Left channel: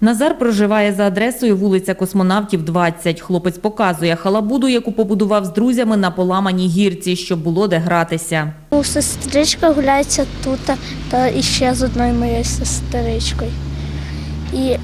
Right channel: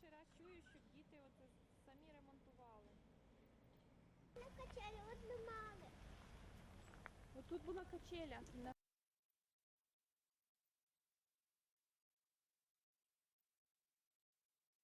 Назар проживає за адресою вулиця Космонавтів, 20. Хлопець показує халабуду, яку побудував з друзями на поламаній гірці, щоб було де гратися. Ну, сестричка гуляється тут та іще з одною моєю сестричкою. І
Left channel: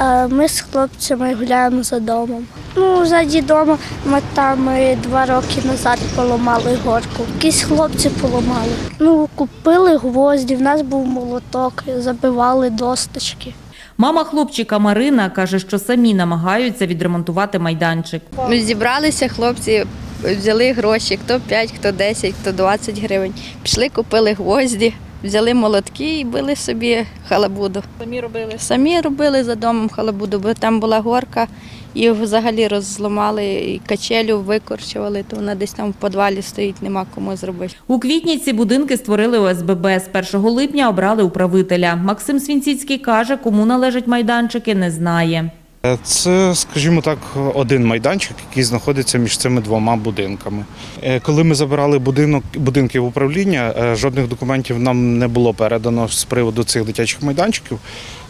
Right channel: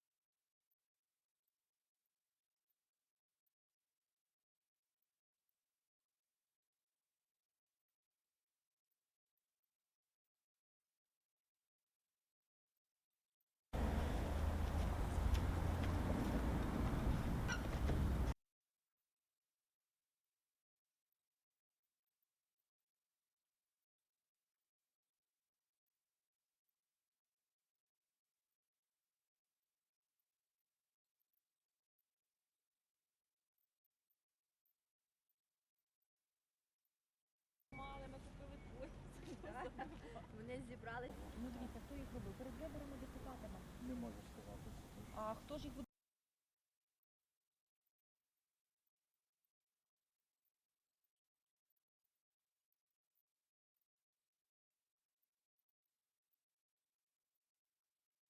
е, ми з хлопцями гуляємо за домом. Ну, заді дому ми там е, два роки назад поламали горку. Якісь хлопці поламали. Ну, купили гвозді, в нас був молоток, забивали досточки. Мама хлопчика Марина каже, що самі намагаються відремонтувати майданчик. Ми зібралися, хлопці взяли гроші, хто 5, хто 10, хто 20 гривень. Пішли, купили гвозді, взяли молотки і били собі халабуду. Самі робили? Самі робили за домом халабуду, бо там була горка, і взагалі розламали, і качелю викорчували, то вона десь там в підвалі стоїть, нема кому зробити. У квітні ці будинки створили ОСББ. З 1 липня обрали управителя. Максим Свінціцький каже, кому належать майданчики, не знає. Е, Це, скажімо так, один майданчик, який знаходиться між цими двома будинками. Е, Коли ми забирали будинок, будинки в управління, е, жодних документів нам не було передано з приводу цих дитячих майданчиків.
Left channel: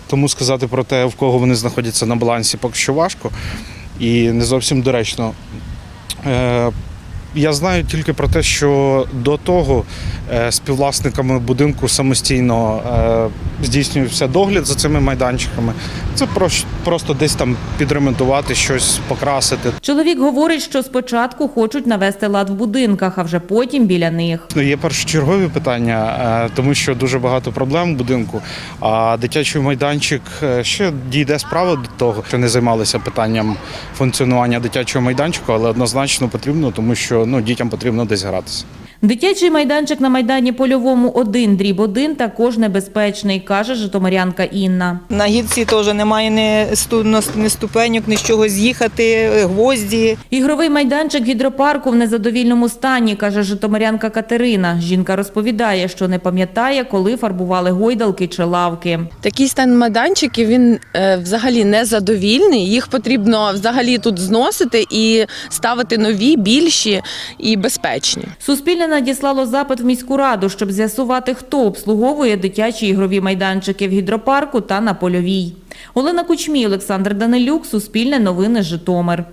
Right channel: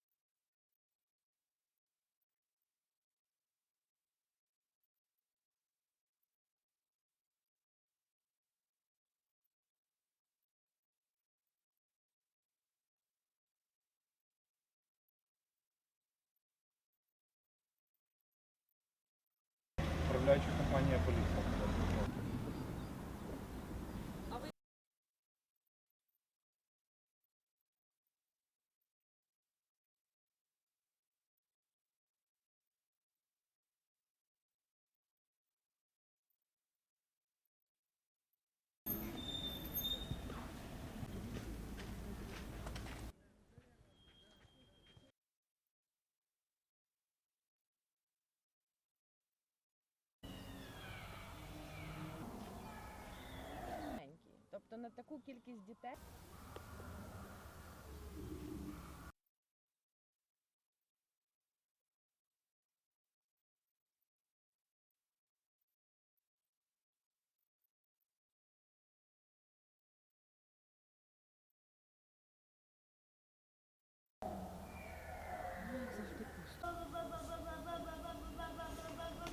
Тому сказати про те, в кого вони знаходяться на балансі, поки що важко і не зовсім доречно. Я знаю тільки про те, що до того співвласниками будинку самостійно здійснювався догляд за цими майданчиками. Це прос- просто десь там підремонтувати щось, покрасити. Чоловік говорить, що спочатку хочуть навести лад в будинках, а вже потім біля них. Ну, Є першочергові питання, е, тому що дуже багато проблем в будинку. А дитячий майданчик е, ще дійде справа до того, що не займалися питанням функціонування дитячого майданчику, але однозначно потрібно, тому що ну, дітям потрібно десь гратися. Дитячий майданчик на майдані польовому 1 дріб 1 також небезпечний, каже житомирянка Інна. На гірці теж немає ні, сту- ні ступеньок, ні з чого з'їхати, гвозді. Ігровий майданчик гідропарку в незадовільному стані, каже житомирянка Катерина. Жінка розповідає, що не пам'ятає, коли фарбували гойдалки чи лавки. Такий стан майданчиків він е, взагалі не задовільний. Їх потрібно взагалі тут зносити і ставити нові, більші і безпечні. Суспільне надіслало запит в міську раду, щоб з'ясувати, хто обслуговує дитячі ігрові майданчики в гідропарку та на польовій. Олена Кучмій, Олександр Данилюк, Суспільне новини, Житомир.